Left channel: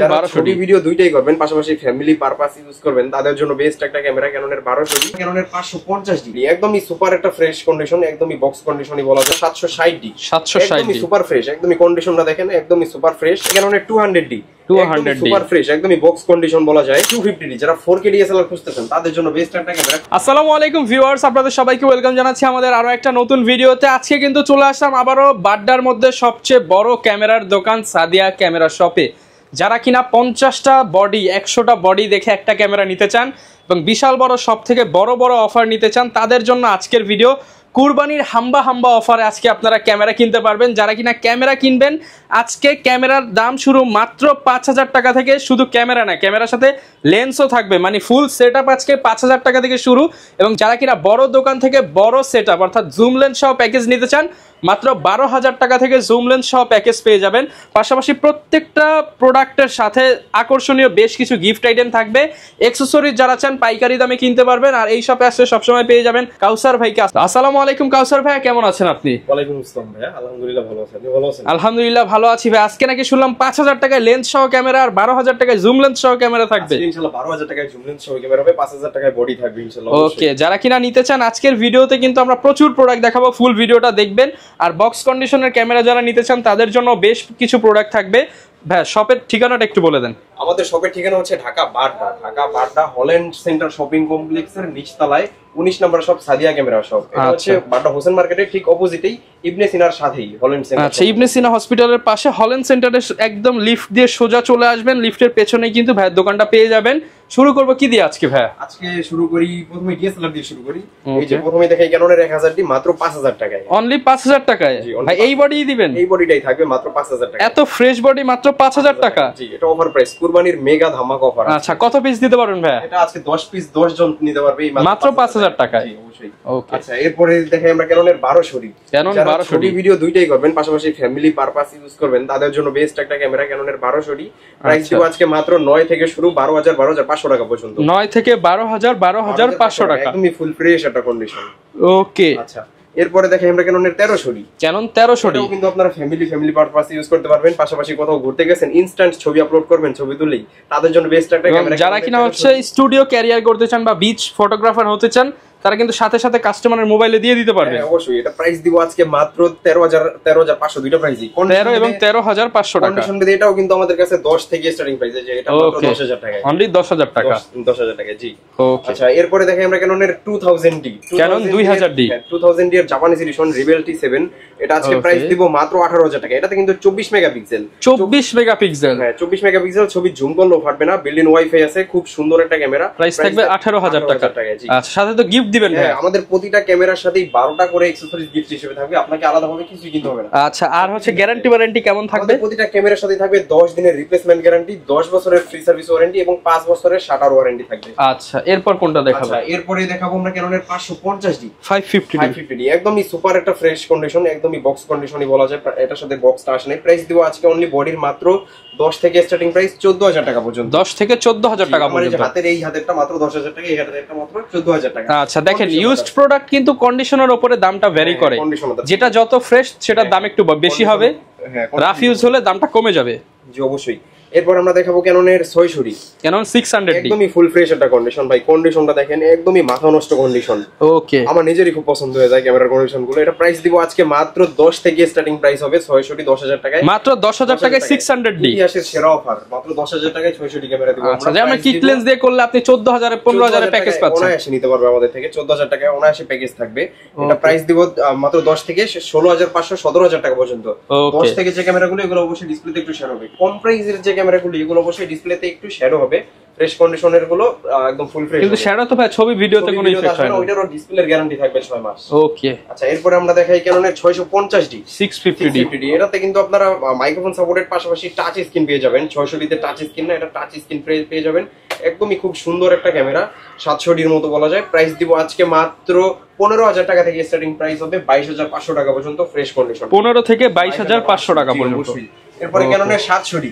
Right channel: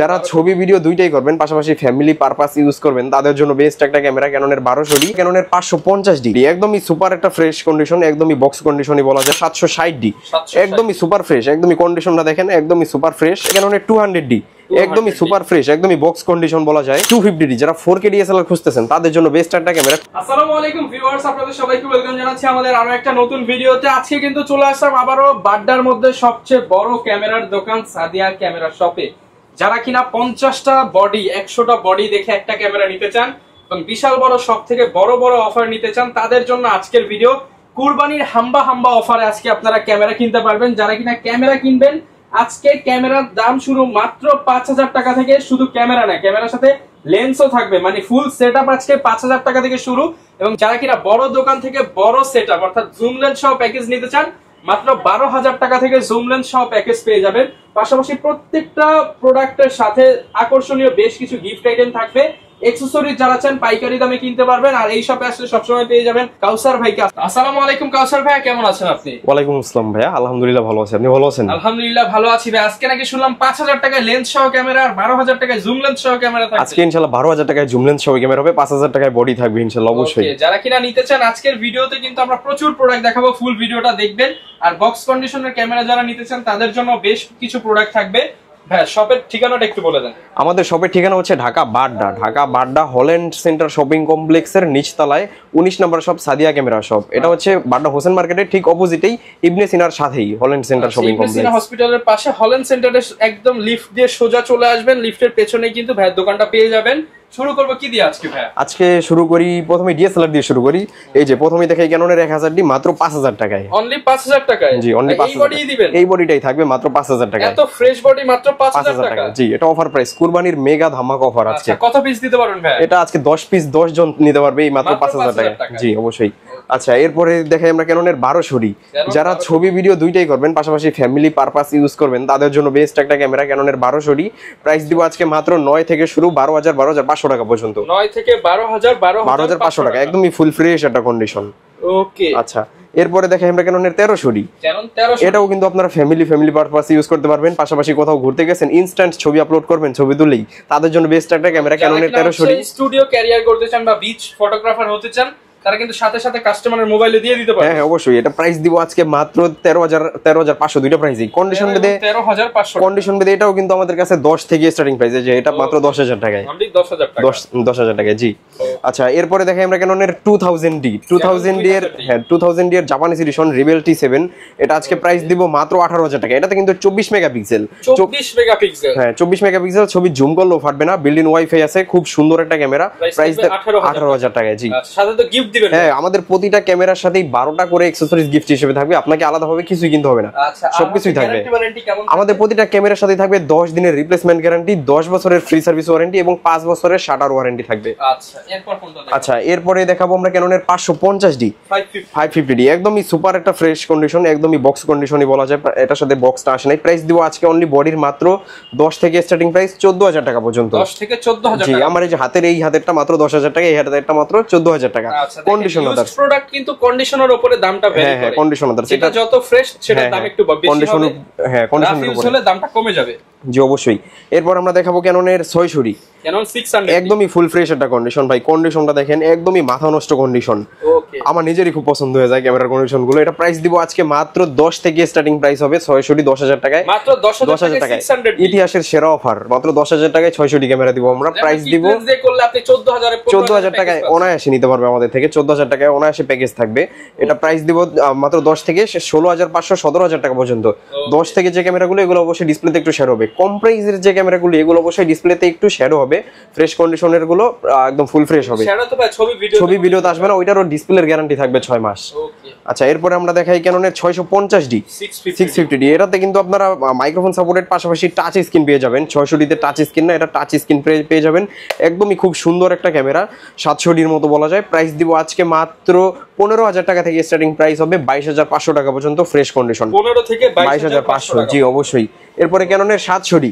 যারা ছবি ভিডিও দুইটাই করবেন পাশাপাশি ফ্যামিলি পারপাস ইউজ করবেন তাদের জন্য বেস্ট একটা ক্যামেরা ক্যাননের 1200D ক্যাননের 550D একদমই সুপার একটা ফ্রেশ কন্ডিশন, একদমই বক্স কন্ডিশনই বলা যায়। 760D একদমই সুপার ফ্রেশ, একদমই কন্ডিশনটা দেখেন একদমই সুপার ফ্রেশ। ক্যাননের 200D একদমই সুপার ফ্রেশ, একদমই বক্স কন্ডিশন বলা যায়। 250D যারা 4K DSLR খুঁজতেছেন তাদের জন্য বেস্ট একটা ক্যামেরা। আসসালামু আলাইকুম ভিউয়ার্স, আপনাদের সবাইকে ওয়েলকাম জানাচ্ছি আমাদের আরো একটা নতুন ভিডিওতে। আজকে কিন্তু চলে আসলাম আবারো বাড্ডার মধ্যে সবচেয়ে বড় ক্যামেরার দোকান সাদিয়া ক্যামেরা শপে। যারা কিনা 50টা বডি 100টা বডি দেখে একটা ক্যামেরা নিতে চান এবং বিশাল বড় সব থেকে বড় বড় অফার নিতে চান তাদের জন্য আজকের ভিডিও। কুরবানির হাম্বা অফারে আজকে আপনারা ক্যামেরা কিনতে পারবেন। যারা কিনা ক্যামেরা কিনবেন আজকে ক্যামেরার দাম শুরু মাত্র 5000 টাকা থেকে। শুধু ক্যামেরা না, ক্যামেরার সাথে লেন্সও থাকবে, মানে ফুল সেটআপ আজকে 5000 টাকা থেকে শুরু। এবং যারা কিনা বড় দোকান থেকে বড় সেটআপ অর্থাৎ জুম লেন্স সহ প্যাকেজ নিতে চান মাত্র 12000 টাকা থেকে জুম লেন্স সহ প্যাকেজ পেয়ে যাবেন। পাশাপাশি প্রত্যেকটা প্রোডাক্টের সাথে আকর্ষণীয় বেশ কিছু গিফট আইটেম থাকবে। অ্যাকসেসরিজ যারা চান পাইকারি দামে কিনতে পারবেন। আর এই শপে আসলে সবসময় পেয়ে যাবেন কাউসার ভাইকে। আসসালামু আলাইকুম কাউসার ভাই, কেমন আছেন আপনি? ওয়ালাইকুম আসসালাম ভাইয়া, আলহামদুলিল্লাহ ভালো আছি। আপনি ভালো আছেন? আলহামদুলিল্লাহ ভালো আছি ভাই। আজকে নাকি শুনলাম 5000 টাকায় লেন্স সহ ক্যামেরা আর 12000 টাকায় জুম লেন্স সহ ক্যামেরা থাকবে। আজকে ইনশাআল্লাহ 12000 টাকায় জুম লেন্স সহ ক্যামেরা হবে, 5000 টাকায় বডি থাকবে ইনশাআল্লাহ অবশ্যই। ওকে, যারা কিনা নিতে চান আজকের ভিডিওতে কিন্তু আমরা প্রচুর প্রোডাক্ট দেখাবো, ফুল ভিডিওটা দেখবেন। আর বক্স কন্ডিশনের ক্যামেরা যারা নিতে চান তাদের জন্য বেশ কিছু প্রোডাক্ট থাকবে। ভাই শপের ঠিকানাটা একটু বলে দেন। আমাদের শপের ঠিকানা হচ্ছে Dhaka Badda Holland centre shopping কমপ্লেক্সের নিচতলায় 19 নম্বর শপ সাদিয়া ক্যামেরা শপ। এটা হচ্ছে বাড্ডা হোসেন মার্কেটের ঠিক অপোজিটেই ইবনে সিনার সাথেই হল্যান্ড সেন্টার শপিং ইবনে সিনা হসপিটালের পাশে হল্যান্ড সেন্টারের একদম লিফট দিয়ে সোজা চলে আসবেন। লিফটের পেছনেই কিন্তু ভাইয়ের দোকানটা পেয়ে যাবেন। শুরু করব কি দিয়ে আজকে ভাই? আজকে শুরু করি প্রথমে ডিএসএলআর দিয়ে শুরু করি। এই যে প্রথমে দেখাই ক্যাননের 1000D মাত্র 5000 টাকায়। অনলি 5000 টাকায়? জি, অনলি এই বডিই দিবেন? এই বডিটাই থাকবে মাত্র 5000 টাকায়। এত ফ্রেশ বডি মাত্র 5000 টাকা? জি, এটা অফার প্রাইস, কুরবানির মেগা ধামাকা অফার আছে। আচ্ছা, কত পিস দিতে পারবেন ভাই? এটা আজকে 10 পিস 10 জন নিতে পারবে এই মাত্র 5000 টাকা। জি অবশ্যই। আচ্ছা, এরপরে দেখাই আমরা ক্যাননের 1200D। যারা ছবি ভিডিও দুইটাই করবেন পাশাপাশি ফ্যামিলি পারপাস ইউজ করবেন তাদের জন্য বেস্ট একটা ক্যামেরা ক্যাননের 1200D। প্রাইস দিব আজকে মাত্র 9 থেকে শুরু 12000 12500 টাকা পর্যন্ত। 9 থেকে 12000 12500 টাকা, একদমই ফুল ফ্রেশ একটা কন্ডিশন। ওকে, আচ্ছা এরপরে দেখাই আমরা ক্যাননের 1300D। ক্যানন 1300D এটাও কিন্তু আপনারা ফ্যামিলি পারপাস ইউজ করতে পারবেন। পাশাপাশি কোথাও ঘুরতে গেছেন ইনস্ট্যান্ট ছবি আপলোড করবেন, ছবি তুলেই তাদের জন্য বেস্ট একটা ক্যামেরা ক্যাননের 1300D। স্টুডিও ক্যারিয়ার করতে চান বা বিচ ফটোগ্রাফার হতে চান তারা কিন্তু সাথে সাথে কাস্টমারের মোবাইলে দিয়ে দিতে পারবে। হ্যাঁ অবশ্যই। এটা প্রাইস দিব আজকে মাত্র 13500 দুইটা প্রাইসই কন্ডিশন মধ্যে 13500 টাকা। কন্ডিশন মধ্যে এটাও কিন্তু আমাদের কাছে 10 থেকে স্টার্টিং প্রাইস আছে। এটা মাত্র 10000 টাকায়, অনলি 10000 টাকা। 10000 টাকায় জি। আচ্ছা এরপরে দেখাই আমরা ক্যাননের 2000D। 2000D হ্যাঁ 2000D এর জাপানিজ এডিশন রিবেল T7। এটা আজকে প্রাইস দিব মাত্র 18000 টাকা। এটাতে কিন্তু 24 মেগাপিক্সেল। 24 মেগাপিক্সেল? হ্যাঁ 24 মেগাপিক্সেল। ছবি জুম করলেও ফাটবে না, বিল্ট ইন ওয়াইফাই আছে, খুব সুন্দর একটা ক্যামেরা। প্রাইস থাকবে 18000 টাকা জি। আচ্ছা, সাথে তো গিফট দিবেন? হ্যাঁ, আমাদের প্রতিটা ক্যামেরার সাথেই 12টা করে অ্যাকসেসরিজ গিফট হিসেবে থাকবে। আপনাকে আলাদাভাবে কিছুই কিনতে হবে না। আচ্ছা, আর হচ্ছে গ্যারান্টি ওয়ারেন্টি কেমন থাকবে? আমাদের প্রতিটা ক্যামেরার সাথেই থাকবে 10 দিনের রিপ্লেসমেন্ট গ্যারান্টি, 10 বছরের ফ্রি সার্ভিস ওয়ারেন্টি এবং 5 বছরের শাটার ওয়ারেন্টি থাকবে। আচ্ছা, এরপর কোনটা দেখাবো? আচ্ছা এরপরে দেখাবো আমরা ক্যাননের 550D 550D। একদমই সুপার একটা ফ্রেশ কন্ডিশন, একদমই বক্স কন্ডিশনই বলা যায়। এটার সাথে বক্সটা আসে নাই। প্রাইস দিব আজকে অনলি বডির মাত্র 10 থেকে স্টার্টিং প্রাইস 14000 টাকা পর্যন্ত। 10 থেকে 14000 টাকা। আমার এই যে হাতের এই হাতেরটা মাত্র 10000 টাকা, এই হাতেরটা মাত্র 14000 টাকা। আচ্ছা দেখেন, ইউজড প্রোডাক্ট কিন্তু কন্ডিশনের উপরে দামটা ভ্যারি করে। যেটা যত ফ্রেশ সেটার দাম একটু বেশি হবে। হ্যাঁ, রাফ ইউজ হলে দামটা কমে যাবে। জি অবশ্যই। এরপর আমরা দেখাবো ক্যাননের 600D। ক্যানন 600D একদমই ফুল ফ্রেশ একটা কন্ডিশন ভাই। কন্ডিশনটা দেখেন একদমই মাথা নষ্ট কন্ডিশন। ওকে, আমার নিজেরই খুব পছন্দ হয়ে যায় ক্যামেরার কন্ডিশন গুলো। এটা প্রাইস দিব আজকে মাত্র 10 থেকে স্টার্টিং প্রাইস হবে 600D 10000 টাকায়। মাত্র 10000 টাকায় 600D। ইতিহাসের সেরা অফার, মাত্র 10000 টাকায় 600D ক্যামেরা দিব আমরা। প্রাইস দিব কিট লেন্স দিয়ে করলে আপনি 14000 15000 প্যাকেজ পাচ্ছেন। অনায়াসে নিতে পারবে আমাদের থেকে। 14000 টাকায় অনায়াসে প্যাকেজ থাকবে। এটা প্রাইস দিব মাত্র 10 থেকে 16500 17000 টাকা পর্যন্ত। 10 থেকে যে ক্যামেরাগুলো এগুলো অবশ্যই ডিসপ্লেতে একটু শ্যাডো হবে। কম প্রাইসের যে ক্যামেরাগুলো এগুলো অবশ্যই ডিসপ্লেতে একটু শ্যাডো হবে। ফ্রেশ কন্ডিশনের গুলো একদম ফুল ফ্রেশ হবে। কিন্তু শ্যাডো তো ভাই ছবি ভিডিওতে আসবে না, ওইটারও ডিসপ্লের গ্যারান্টি থাকবে 6 মাস। ওকে, আচ্ছা এরপরে আমরা দেখাই ক্যাননের 650D 650D। এটাতে কিন্তু আপনারা মাইক্রোফোন সাপোর্টেড পাশাপাশি টাচ স্ক্রিন পেয়ে যাবেন। 600D তে টাচ স্ক্রিন না, এটা টাচ স্ক্রিন পেয়ে যাবেন। একদমই খুব সুন্দর একটা ক্যামেরা, 700D এর মতো বলা যায়। প্রাইস দিব আজকে মাত্র 15,000 টাকা থেকে স্টার্টিং প্রাইস হবে 22,500 টাকা পর্যন্ত ফ্রেশ কন্ডিশন। 15 থেকে 22,500 টাকা। জি অবশ্যই। এরপরে ক্যাননের 700D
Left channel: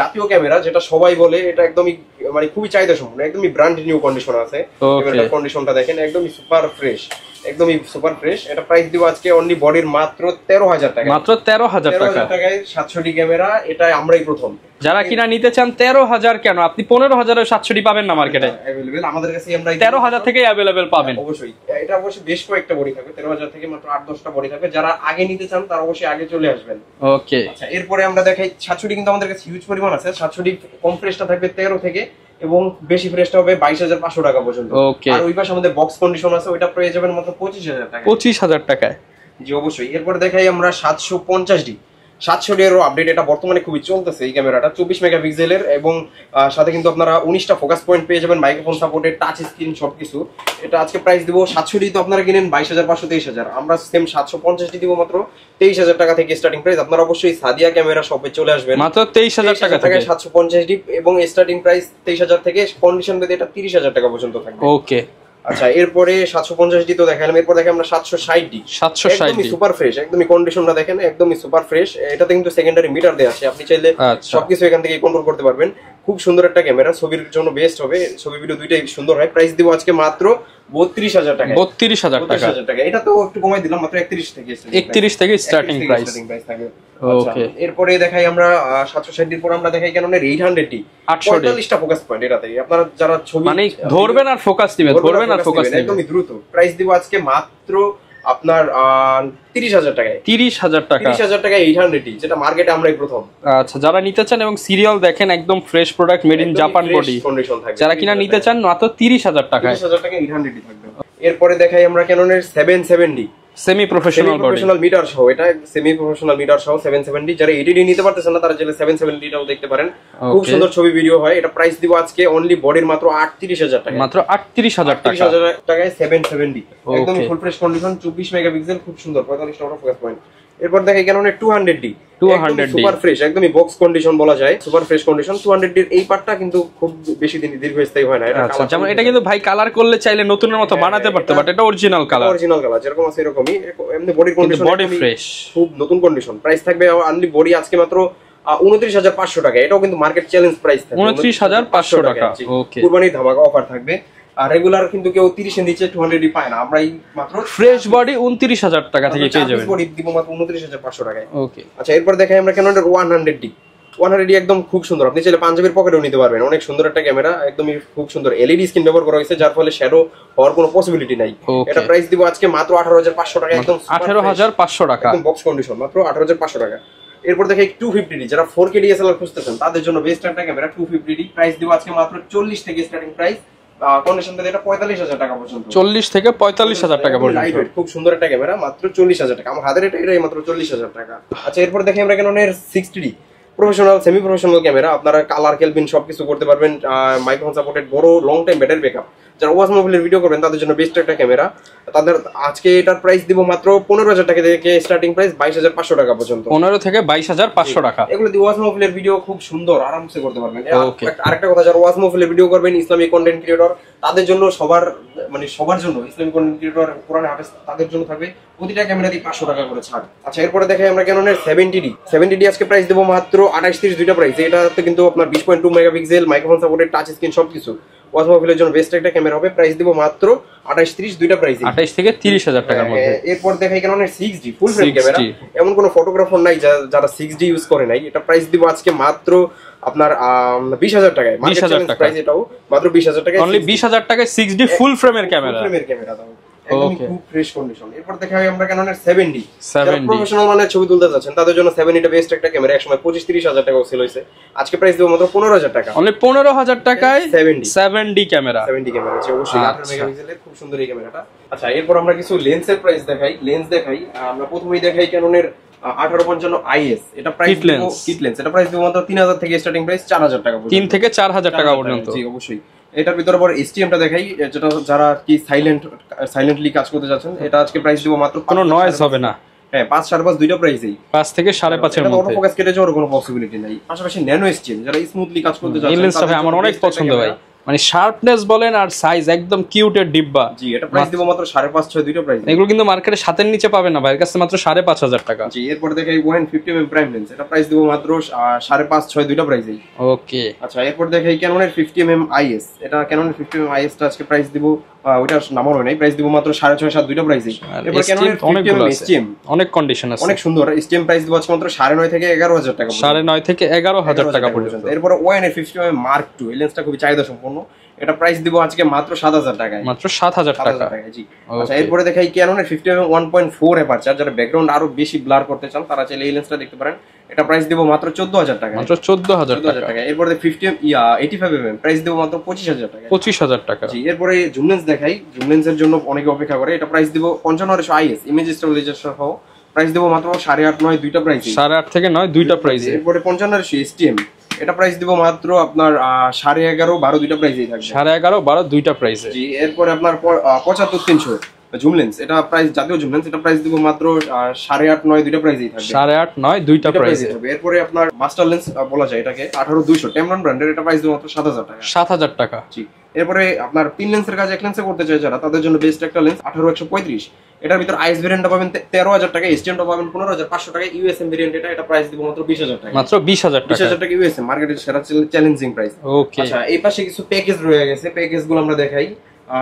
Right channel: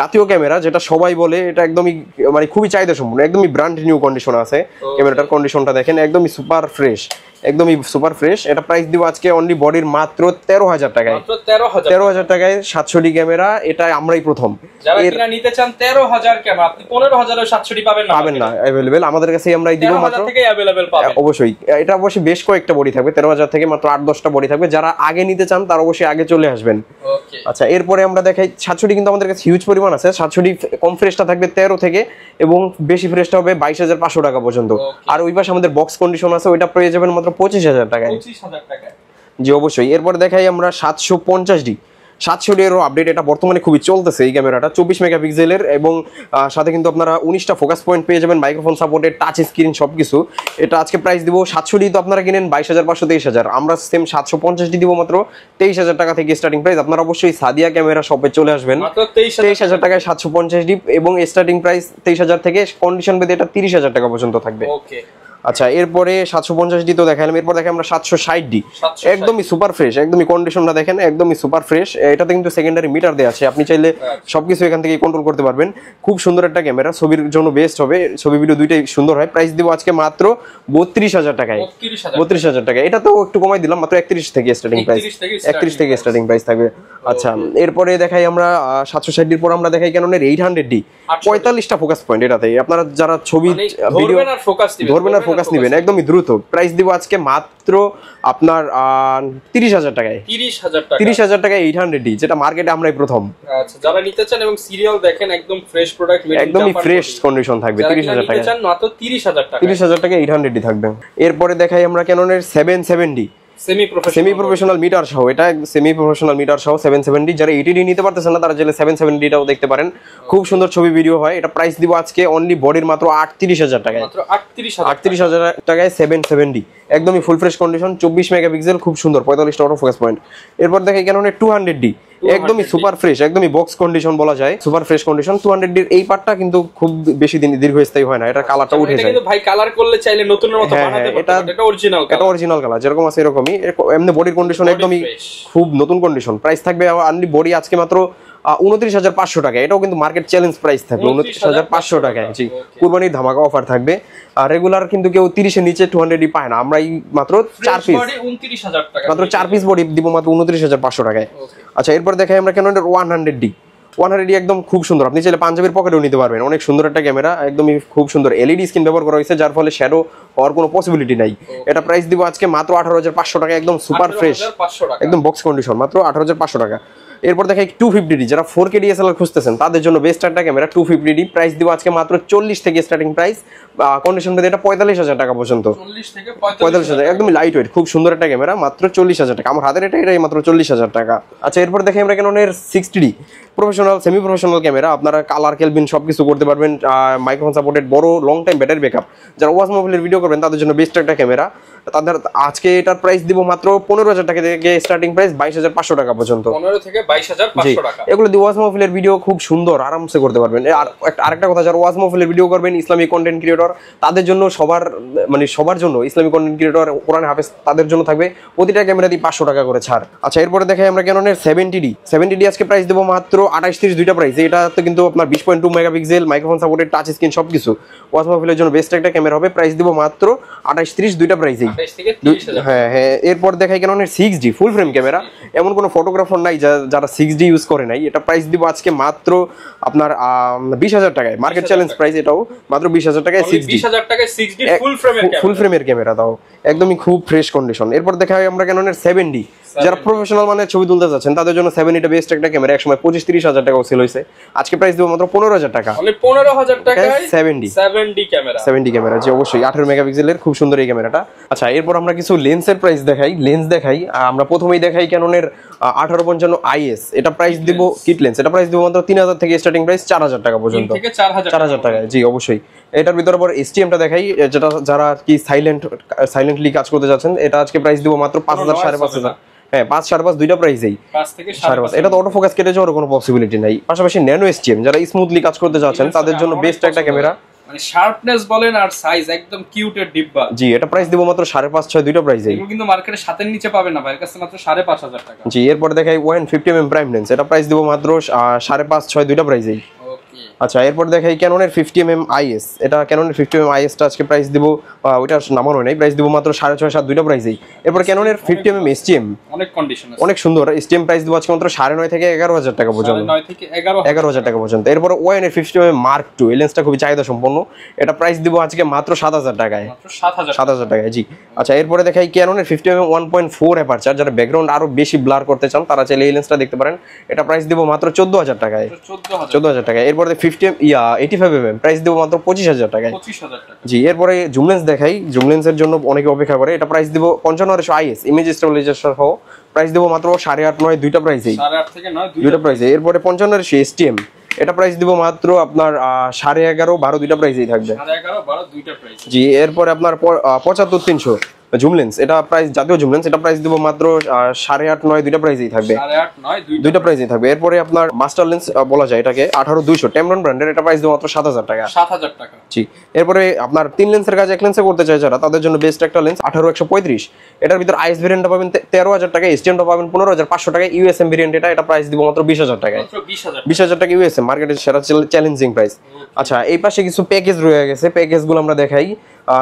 জাতীয় ক্যামেরা, যেটা সবাই বলে, এটা একদমই মানে খুবই চাহিদা সম্পন্ন, একদমই ব্র্যান্ড নিউ কন্ডিশন আছে। ক্যামেরাটার কন্ডিশনটা দেখেন, একদমই সুপার ফ্রেশ, একদমই সুপার ফ্রেশ। এটা প্রাইস দিব আজকে অনলি বডির মাত্র 13,000 টাকা। মাত্র 13,000 টাকায় 700D ক্যামেরা, এটা আমরাই প্রথম। যারা কিনা নিতে চান 13,000 কেন, আপনি 15,000 এর 700D পাবেন না মার্কেটে, अवेलेबल আমাদের কাছে আমরাই দিব। 13,000 থেকে अवेलेबल পাবেন। অবশ্যই এটা অবশ্যই বেশ কয়েকটা বডি থাকবে, 13,000 থেকে মাত্র 8-10টা বডি থাকবে। যারা আগে নিতে চান তারা অবশ্যই আগে চলে আসবেন। ওকে, আচ্ছা এরপরে আমরা দেখাই 700D, কিন্তু আমাদের কাছে হিউজ পরিমাণ আছে। 700D কম ফ্রেশটা থাকবে 13 থেকে, এবং বেশি ফ্রেশটা হবে 22,500 টাকা পর্যন্ত। আর ওই পাশে আমাদের বক্স কন্ডিশন আছে, ওইটা পেয়ে যাবেন মাত্র 25,000 টাকায়। 25,000 টাকায়। জি অবশ্যই। এরপর দেখাই আমরা 750D। 700D এর আপডেট, এটা বর্তমানে খুবই চলতেছে এই ক্যামেরাটা, 24 মেগাপিক্সেলের, এবং সাথে কিন্তু আপনারা 19টা ফোকাস পয়েন্ট পেয়ে যাবেন, মাইক্রোফোন সাপোর্টেড, টাচ স্ক্রিন সবকিছু। এটা আজকে প্রাইস দিব 700D তো আপনারা কিনেন 22,500 23,000, আমরা সেম 750D দিব মাত্র 23,000 টাকা থেকে স্টার্টিং প্রাইস। আপনারা অবশ্যই সাদিয়া ক্যামেরা শপে চলে আসবেন, মাত্র 23,000 টাকায় 750D, এবং স্টার্টিং প্রাইস 23,000 থেকে, কন্ডিশন বেদে এটা 30,000 টাকা পর্যন্ত থাকবে। ওকে, আচ্ছা এরপরে 750D তো দেখালাম, এরপর দেখে আমরা 760D। একদমই সুপার ফ্রেশ, একদমই কন্ডিশনটা দেখেন, একদমই সুপার ফ্রেশ। এটাতে কিন্তু সেকেন্ডারি মিটার দেওয়া আছে, আপনি চাইলে সবকিছু এখান থেকে কন্ট্রোল করতে পারবেন। খুব সুন্দর একটা ক্যামেরা, ছবির জন্য বেস্ট হবে, ছবি ভিডিও দুইটাই সুন্দর হয়। প্রাইস দিব আজকে মাত্র 32,000 টাকা। 32,000 টাকা। এটা তো একটু কমাই দিলাম, মাত্র 31 থেকে স্টার্টিং প্রাইস, 31 থেকে স্টার্টিং প্রাইস থাকবে। আচ্ছা এরপরে দেখাই আমরা 760D পর আমরা দেখাই ক্যাননের 800D, 45টা ফোকাস পয়েন্ট। এটাতে আপনারা যারা ছবি ধরবেন আর ফোকাস দিবেন, একদমই দ্রুত। প্রাইস দিব আজকে মাত্র আপনার 30,000 টাকায়। 30,000 টাকায় 800D, যেটা মার্কেটে আমরাই প্রথম। আচ্ছা যারা নিতে চান এবং সিরিয়াল দেখেন, একদম fresh product, made in Japan fresh condition থাকবে। যারা কিনা নিতে চান মাত্র 30,000 টাকা। 30,000 টাকায় 800D থাকবে। এরপরে দেখাই আমরা ক্যাননের 770D, সেমি প্রফেশনাল মিটার সহ। এটা সেমি প্রফেশনাল মিটার সহ 770। যারা 80D নিতে পারতেছেন না, তারা চাইলে 770 টাও দেখতে পারেন, খুব সুন্দর ছবি ভিডিও হয়। এটা প্রাইস দিব আজকে অনলি বডির মাত্র 38,000 টাকা। মাত্র 38,000 টাকায় 770, একদমই ফুল ফ্রেশ কন্ডিশন, 24 মেগাপিক্সেল, খুব সুন্দর, 45টা অটো ফোকাস পয়েন্ট। এরপর দেখে ক্যাননের 200D, একদমই সুপার ফ্রেশ, একদমই বক্স কন্ডিশন বলা যায়, সুপার ফ্রেশ কন্ডিশন। 200D এর এই পার্টটা কিন্তু খুব বেশি দিন দীর্ঘস্থায়ী হয় না, এটা কালারটা উঠে যায়। এটা কিন্তু ভাই কালার করলে চাইলে নতুনের মতো বানাতে পারতে, বাট এটা অরিজিনাল কালার যেরকম আছে এরকমই। এমনি বডির কন্ডিশন একদমই খুব নতুন কন্ডিশন। প্রাইস থাকবে আনলি বডি আজকে মাত্র 29,500 টাকা। এটাও কিন্তু মার্কেট চ্যালেঞ্জ প্রাইস থাকবে 29,500 টাকা। কুরবানির ধামাকা অফার থাকবে। আর রেগুলার কিন্তু কেউ 30 এর নিচে 200D পায় না, আমরা এই মাত্র ফ্রেশ বডি 29,000 টাকা থেকে 4 পিস বডি দিব মাত্র 29,500 টাকায়। আচ্ছা এরপর দেখাই আমরা ক্যাননের 100D। 100D একদম খুব সুন্দর, আপনি চাইলে পাঞ্জাবির পকেটেও নিতে পারবেন। অনেক সুন্দর একটা ক্যামেরা, একদমই খুব সুন্দর। এলইডি স্ক্রিন ব্যবহার করা হয়েছে, যার ফলে শ্যাডো হওয়ার কোনো পসিবিলিটি নাই। এটা প্রাইস দিব আজকে মাত্র 18,500 টাকা, একদম সুপার ফ্রেশ, 18,500 টাকা, একদম বক্স কন্ডিশন, মাত্র 18,500 টাকা। এরপর দেখে 250D, যারা 4K DSLR খুঁজতেছেন তাদের জন্য বেস্ট একটা ক্যামেরা 250D। প্রাইস দিব আজকে মাত্র 40 থেকে স্টার্টিং প্রাইস, কন্ডিশন পেতে এটা 45,000 টাকা পর্যন্ত। 40 থেকে 45,000 টাকা, একদম লাইট ওয়েট, খুব সুন্দর একটা ক্যামেরা, মাত্র 40,000 টাকা। আমার হাতের এটাই মাত্র 40,000 টাকা। আচ্ছা এরপর দেখে আমরা ক্যাননের 60D professional, semi professional camera, আপনারা কালার কেলভিন সবকিছু করতে পারবেন, মাইক্রোফোন সাপোর্টেড, বড় লং টাইম ব্যাটারি ব্যাকআপ। যারা ওয়াজ মোবাইলের ভিডিও করবেন তাদের জন্য বেস্ট একটা ক্যামেরা। তাদের আজকে এটার প্রাইস দিব মাত্র 15,000 টাকা থেকে স্টার্টিং প্রাইস 22,500 টাকা পর্যন্ত। 15 থেকে 22,500 টাকা। এগুলো দিয়ে ওয়াজ মোবাইলের ভিডিও খুব সুন্দর আরামসে করতে পারবেন। আরেকটা কথা, যারা ওয়াজ মোবাইলের ভিডিও করবেন, ইসলামিক কন্টেন্ট ক্রিয়েটর, তাদের জন্য সবার জন্য ইসলামিক কন্টেন্ট ক্রিয়েটর, কোরআন হাফেজ, তাদের জন্য থাকবে প্রতিটা ক্যামেরা দিয়ে 500 টাকা করে ছাড়। আচ্ছা এরপরে দেখে আমরা ক্যাননের 70D আজকে প্রাইস দেবো মাত্র 28-30 দুইটা প্রাইস। এটাতে কিন্তু আপনার 20.2 megapixel, microphone supported, touch screen সবকিছু, ওয়াজ মোবাইলের জন্য বেস্ট একটা ক্যামেরা হবে। প্রাইস দিব মাত্র 28-30 দুইটা প্রাইস, 28 থেকে 30,000 টাকা। এরপর দেখাই ক্যাননের 6D ফুল ফ্রেম ক্যামেরা। এমন কোনো ফটোগ্রাফার নাই যারা 6D ইউজ করে নাই। এটা প্রাইস দিব আজকে মাত্র আপনার 20,000 টাকায়, মার্কেট চ্যালেঞ্জ প্রাইস এটাও মাত্র 20,000 টাকায়। 20,000 টাকায় 6D ফুল ফ্রেমের ক্যামেরা দাও, একদমই খুব ফ্রেশ কন্ডিশন। এরপর দেখা হয় আমরা ক্যাননের 7D, যারা প্রফেশনাল মানে ছবি তুলতে যাচ্ছেন তাদের জন্য 7D বেস্ট একটা ক্যামেরা। একসময় 25-30,000 টাকা সেল হয়েছে, আজকে প্রাইস দেবো মাত্র 15,000 টাকা। মানে 15,000 টাকায় 7D ক্যামেরা। জি অবশ্যই 18 মেগাপিক্সেলের খুব সুন্দর এই ক্যামেরাটা। আচ্ছা এরপর আমরা কিছু লেন্সের প্রাইস দেখাই। আমরা প্রথমেই দেখাই ক্যাননের 1855 IS। এটা প্রাইস দিব কিট লেন্স, এটা প্রাইস দিব মাত্র 3,000 থেকে স্টার্টিং প্রাইস 4,000 টাকা পর্যন্ত, 3 থেকে 4,000 টাকা পর্যন্ত। জি অবশ্যই। এটার ভিতরে পর STMটা দেখাই, যেটা যারা কি সাইলেন্টলি কাজ করতে যাচ্ছেন, এটা আজকে প্রাইস দিব মাত্র 5,000 হবে না। হ্যাঁ 5-5.5 দুইটা প্রাইসেই, 5 থেকে 5.5। এটা তো অটো ফোকাস কেটে যাওয়ার কোনো পসিবিলিটি নাই। পাশাপাশি ন্যানো STM, যারা স্মুথলি কাজ করতে যাচ্ছেন তাদের জন্য বেস্ট একটা ক্যামেরা। মানে শার্পনেস বলেন আর সাইজ একদম কিউটের ডিব্বা। জি, এটা প্রাইস দিব মাত্র 5.5-6 দুইটা প্রাইস। এগুলো কিন্তু মার্কেটে 7 এর নিচে পাবেন না, ভাইয়ের কাছে মাত্র 5,500 টাকা। জি, এরপর দেখাই 150mm প্রাইম লেন্স, এটা প্রাইস দিব মাত্র 5.5-6 দুইটা প্রাইসেই। ওকে, আচ্ছা, এরপর দেখাই ক্যাননের 50mm IS, এটা ক্যাননের 50mm IS টা আজকে প্রাইস দিব, ওইটা নামানো নেই, প্রাইস দিব মাত্র 6.5-7 দুইটা প্রাইসেই। এরপর ক্যাননের 50mm STM, অনেক কন্ডিশন আছে, অনেক সুন্দর STM, প্রাইস দিব আজকে মাত্র 9.5 থেকে 11,000 টাকা পর্যন্ত। 9.5 থেকে 11,000 টাকা পর্যন্ত। এরপর ওয়ানের 50mm Mark II, এই লেন্সটা খুবই চাহিদা সম্পন্ন, এটা প্রাইস দিব আজকে মাত্র 7,000 টাকায়। মাত্র 7,000 টাকায়। জি। আচ্ছা, এরপরে দেখাই ক্যাননের 50mm 1.4 অ্যাপারচার, যারা ব্যাকগ্রাউন্ড আরো বেশি ব্লার করতে চান তারা চাইলে এই লেন্সটা দেখতে পারেন, এটা প্রাইস দিব মাত্র 14,000 টাকায়। মাত্র 14,000 টাকায়। এরপরে 85mm প্রাইস দিব মাত্র 25,000 টাকায়। 25,000 টাকা। জি, এরপরে জুম লেন্স দেখাই, জুম লেন্সের জন্য অনেকে অপেক্ষা করে, এটা প্রাইস দিব 5500 IS ইমেজ স্টেবিলাইজার সহ, প্রাইস দিব মাত্র 8.5-9 দুইটা প্রাইসে। 8.5 থেকে 9 দুইটা প্রাইসে। এরপরে 5500 STM, এটা প্রাইস দিব মাত্র আপনার 11.5-12 দুইটা প্রাইসেই থাকবে। 11.5-12 দুইটা প্রাইসে। জি, এরপরে আপনার 75-300 জুম লেন্স, এটা প্রাইস জাতীয় জুম লেন্স, এটা প্রাইস দিব মাত্র 8.5-9 দুইটা প্রাইসেই থাকবে। 8.5-9 দুইটা প্রাইসেই থাকবে। এরপরে আপনার মাস্টার লেন্স বলা যায় এটাকে 18200 টেমরন ব্র্যান্ডের, এটা প্রাইস দিব মাত্র 7,000 টাকা। 7,000 টাকা। জি, এরপরে আপনার 3 লেন্সের কাজ 1 লেন্সে করতে চাই যারা, তাদের জন্য বেস্ট একটা লেন্স 18135, এটার ভিতর আইএস ভেরিয়েন্টটা পাবেন 13,000 টাকা, এসটিএমটা পাবেন 15,500 টাকা, ইউএসএম ভেরিয়েন্ট এটা প্রাইস দিব মাত্র 20,000 টাকা। মাত্র 20,000 টাকা ইউএসএম, মার্কেটের সেরা চ্যালেঞ্জিং প্রাইস। আচ্ছা, এই পাশে কিছু প্যাকেজ রয়ে গেছে, প্যাকেজগুলো আমরা দেখাই।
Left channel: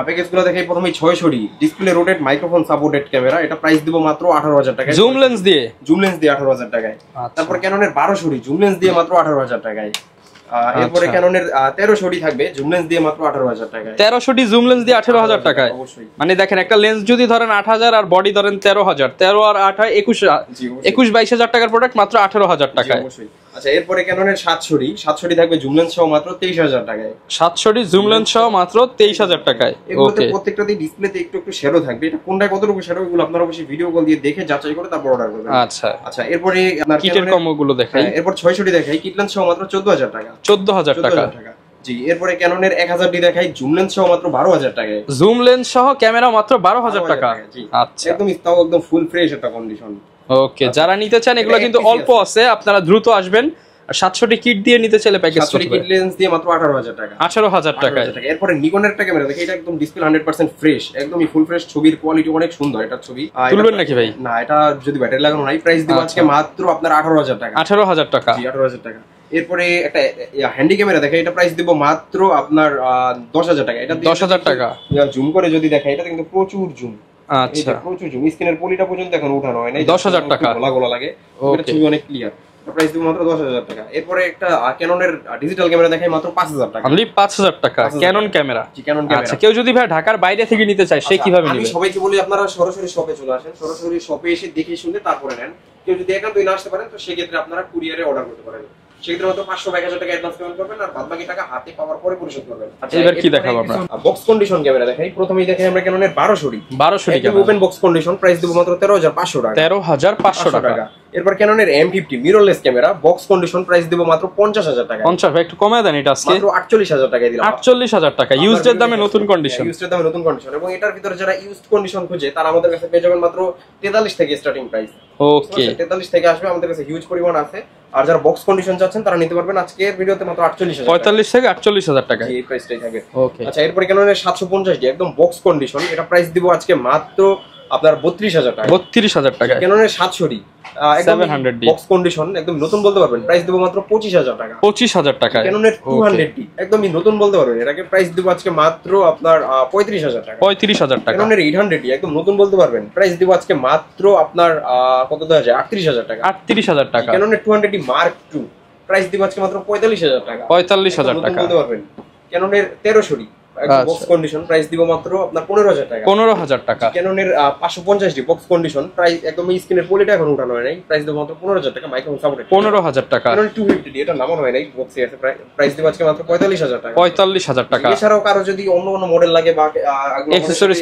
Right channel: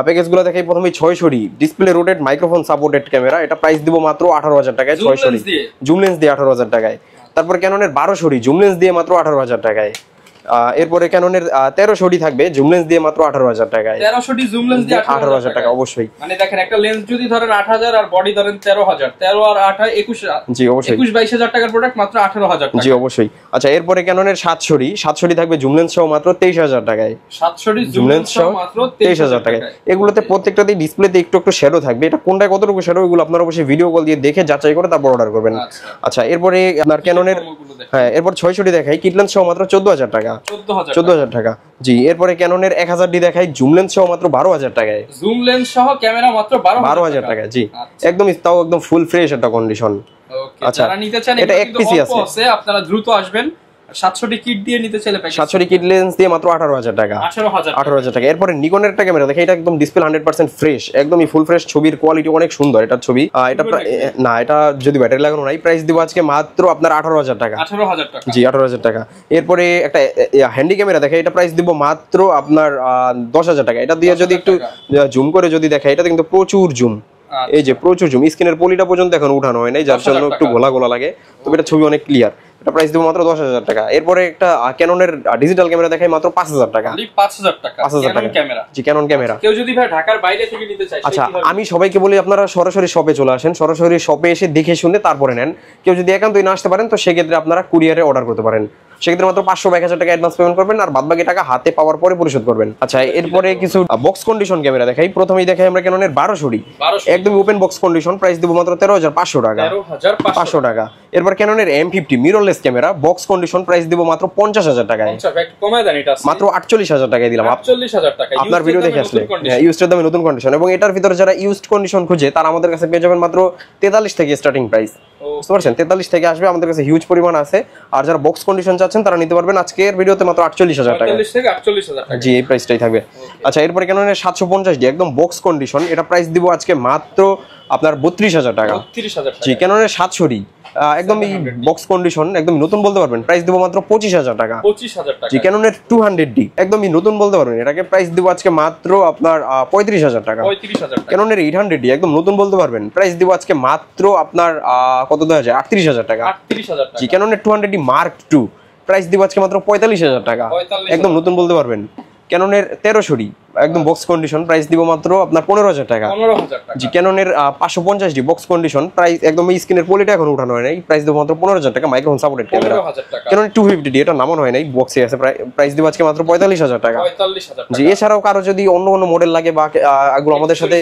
প্যাকেজগুলো দেখাই প্রথমে 6 display rotate microphone supported camera, এটা প্রাইস দিব মাত্র 18,000 টাকায়। জুম লেন্স দিয়ে 18,000 টাকায়। তারপর ক্যাননের 12 জুম লেন্স দিয়ে মাত্র 18,000 টাকায়। এরপরে ক্যাননের 13 থাকবে জুম লেন্স দিয়ে মাত্র 18,000 টাকায়। 13 জুম লেন্স দিয়ে 18,000 টাকা অবশ্যই। মানে দেখেন, একটা লেন্স যদি ধরেন 8,000 আর বডি ধরেন 13,000, 13 আর 8 হয় 21,000। জি, অবশ্যই 21-22,000 টাকার প্রোডাক্ট মাত্র 18,000 টাকা। জি, অবশ্যই। আচ্ছা, এরপরে ক্যাননের 7 থাকবে জুম লেন্স সহ মাত্র 23,000 টাকায়। 7 জুম লেন্স সহ মাত্র 23,000 টাকায়। এগুলোতে প্রত্যেকটাতেই ডিসপ্লেতে একটু শ্যাডো থাকবে, এটা কোনটায় কতটুকু শ্যাডো এগুলো আপনারা অবশ্যই ভিডিও কল দিয়ে দেখে যাচাই করে তারপর অর্ডার করবেন। আচ্ছা, এরপরে আপনার ক্যাননের কম্বোগুলো দেখাই। এরপর 6 দেখাই, কিট লেন্স সহ মাত্র 14,000 টাকা। 14,000 টাকা। জি, এরপরে ক্যাননের 1000 দেখাই, জুম লেন্স সহ মাত্র 12,000 টাকায়। জুম লেন্স সহ ক্যামেরা মাত্র 12,000 টাকা। জি, একদমই, তাও একদম ফুল ফ্রেশ একটা কন্ডিশন। ওকে, যারা নিতে চান এগুলো কিন্তু অল্প আছে, আপনারা দ্রুত আসবেন। 700 কিট দিয়ে নিতে চাইলে প্যাকেজ 700 কিট লেন্স দিয়ে মাত্র 18,000 টাকা। 18,000 টাকা। এরপরে নিকনের একটা ক্যামেরা দেখে, এটা একদম ডিসপ্লে 100% ফ্রেশ, একদমই ফুল ফ্রেশ, ছবির কোয়ালিটি অনেক সুন্দর এটার ছবি। না, এটা যদি ব্যাটারি লাগানো নাই, প্রাইস দিব আজকে মাত্র আপনার 18,000 টাকা। 18,000 টাকা। জি, 18,000 টাকা। এরপরে একটা হ্যান্ডি ক্যামেরা দেখে, এটা প্রাইস দিব মাত্র আপনার 10,000 টাকা। এটা দিয়ে যদি একটু জুম করে যদি দেখে, এটা কিন্তু প্রচুর জুম, এই যে প্রচুর জুম, স্ক্রিনের পলিটা পর্যন্ত এখন উঠানো হয় নাই, যার জন্য একটু গোলা লাগে, তবে এটা ছবি অনেক ক্লিয়ার। এটা প্রাইস দিব মাত্র 10,000 টাকা। এরপরে একটা ক্যাননের ডিজিটাল ক্যামেরা দেখাই মাত্র 5,000 টাকা। অনলি 5,000 টাকা ক্যানন ক্যামেরা। জি, ক্যানন ক্যামেরা। কেউ যদি ভাই ঢাকার বাইরে থেকে নিতে চায় সে কিভাবে? আমি সবাইকে বলি আপনারা সরাসরি শপে চলে আসেন, সরাসরি শপে এসে দেখে শুনে তারপরে নেন। কেউ যদি একান্তই না আসতে পারেন তো সেক্ষেত্রে আপনারা কুরিয়ারে অর্ডার করতে পারেন, সেক্ষেত্রে মাত্র 500-1000 টাকা অ্যাডভান্স পেমেন্ট করবেন, আর বাদবাকি টাকা হাতে পাওয়ার পরে পরিশোধ করবেন। আচ্ছা, এরপরে কিছু বক্স কন্ডিশন ক্যামেরা দেখাই। প্রথমেই দেখাই আমরা ক্যাননের 12 একদম ওপেন বক্স কন্ডিশন, প্রাইস দিব মাত্র 13,500 টাকা। 13,500 টাকা। এরপর ক্যাননের M50 mirrorless camera box condition, price দিব মাত্র 50,000 টাকা। 50 একটু কমে দেন, এটা মাত্র 48,000 টাকায় দিলাম। 48,000 টাকা ইউজড দামে নতুন কন্ডিশন। ইউজড দামে নতুন কন্ডিশন, এবং এটার ভিতরে যারা ইউজড কন্ডিশন খুঁজে তারা আমাদের কাছে পেয়ে যাবেন মাত্র 43 থেকে স্টার্টিং প্রাইস। ওকে, 43 থেকে আসবে, আমাদের কাছে হিউজ পরিমাণ আছে। আর যারা বক্স কন্ডিশন চাচ্ছেন তারা নিতে পারবেন আজকের ভিডিওতে মাত্র 48,000 টাকা। 45 থেকে 48,000 টাকা। জি, এই প্রাইসটাই থাকবে। আচ্ছা, এরপরে ক্যাননের 750 একদম বক্স কন্ডিশন, এটা প্রাইস দিব আজকে মাত্র আপনার 32,000 টাকা। 32,000 টাকা। জি, ক্যাননের 700 একদম বক্স কন্ডিশন, একদম নতুন বলতে পারবেন, প্রাইস দিব মাত্র 25,000 টাকা। 25,000 টাকা। ক্যাননের 200D একদমই নতুন বলতে পারবেন, এটাকে প্রাইস দিব আজকে মাত্র আপনার 35,000 টাকা। 35,000 টাকা। ক্যাননের 800D একদম নতুন বলতে পারবেন, প্রাইস দিব আজকে মাত্র আপনার কত দেওয়া যায়, 38,000 টাকা। 38,000 টাকা। ক্যাননের 200D Mark II প্রাইস দিব আজকে মাত্র 45,000 টাকা। 45,000 একদম নতুন বলতে পারবেন। ক্যাননের 1300D একদম বক্স কন্ডিশন, প্রাইস দিব মাত্র আপনার 15,000 টাকা। 15,000 টাকা। জি, ক্যাননের 550D বক্স কন্ডিশন, প্রাইস একদম স্ক্রিনের পলিটা এখন উঠানো হয় নাই, প্রাইস দিব মাত্র 15,000 টাকা। মাইক্রোফোন সাপোর্টেড 15,000 টাকা। ক্যানন 250D এটা নামানো হয় নাই, বক্সে আছে, প্রাইস দিব আজকে মাত্র 45,000 টাকা। 45,000 টাকা। জি, এছাড়াও কারো যদি অন্য কোনো মডেল লাগে বা আমাদের সাথে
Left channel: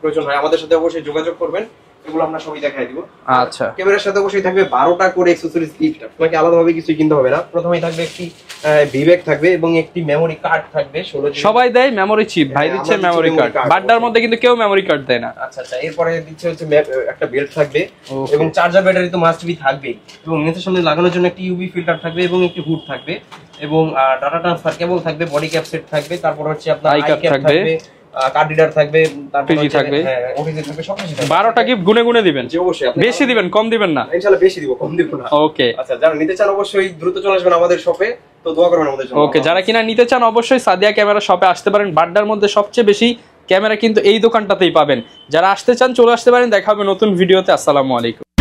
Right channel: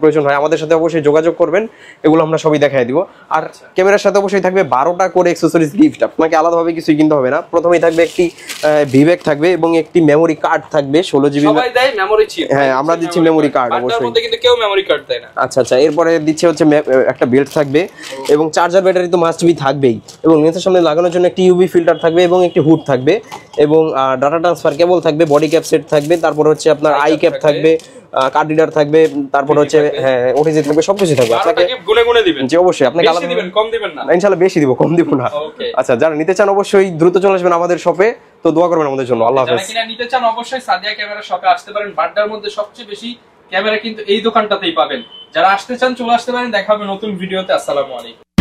প্রয়োজন হয়, আমাদের সাথে অবশ্যই যোগাযোগ করবেন, এগুলো আমরা সবই দেখাই দিব। আচ্ছা, ক্যামেরার সাথে অবশ্যই থাকবে 12টা করে অ্যাকসেসরিজ গিফট, আপনাকে আলাদাভাবে কিছু কিনতে হবে না। প্রথমেই থাকবে একটি ভিভেক থাকবে এবং একটি মেমোরি কার্ড থাকবে 16GB। সবাই দেয় মেমরি চিপ, হ্যাঁ আমরা দিচ্ছি মেমরি কার্ড। বাড্ডার মধ্যে কিন্তু কেউ মেমরি কার্ড দেয় না। আচ্ছা আচ্ছা, এরপরে দিচ্ছে হচ্ছে একটা বেল্ট থাকবে এবং চার্জার ব্যাটারি তো মাস্ট বি থাকবেই, এবং নিচের সামনে লাগানোর জন্য একটি ইউভি ফিল্টার থাকবে এবং একটি হুড থাকবে, এবং ডাটা ট্রান্সফার কেবল থাকবে, বডি ক্যাপ সেট থাকবে, তারপর হচ্ছে আপনার আই ক্যাপ থাকবে, কার্ড রিডার থাকবে, তারপর হচ্ছে হ্যাঁ ওটিজি থাকবে, সবকিছু থাকবে। 12টা গিফট গুনে গুনে দিবেন? জি অবশ্যই। আপনি বেশি দিবেন, কম দিবেন না? ইনশাআল্লাহ বেশি দিব, কম দিব না। ওকে আচ্ছা, যারা নিতে চান অবশ্যই দ্রুত চলে আসবেন আমাদের শপে, তো দোয়া করবেন আমাদের জন্য। ওকে, যারা কিনা নিতে চান অবশ্যই সাদিয়া ক্যামেরা শপে আসতে পারেন। বাড্ডার মধ্যে সবচেয়ে বেশি ক্যামেরা কিন্তু এই দোকানটাতেই পাবেন। যারা আসতে চান চলে আসতে পারেন। দেখা হবে নতুন ভিডিওতে। আসসালামু আলাইকুম।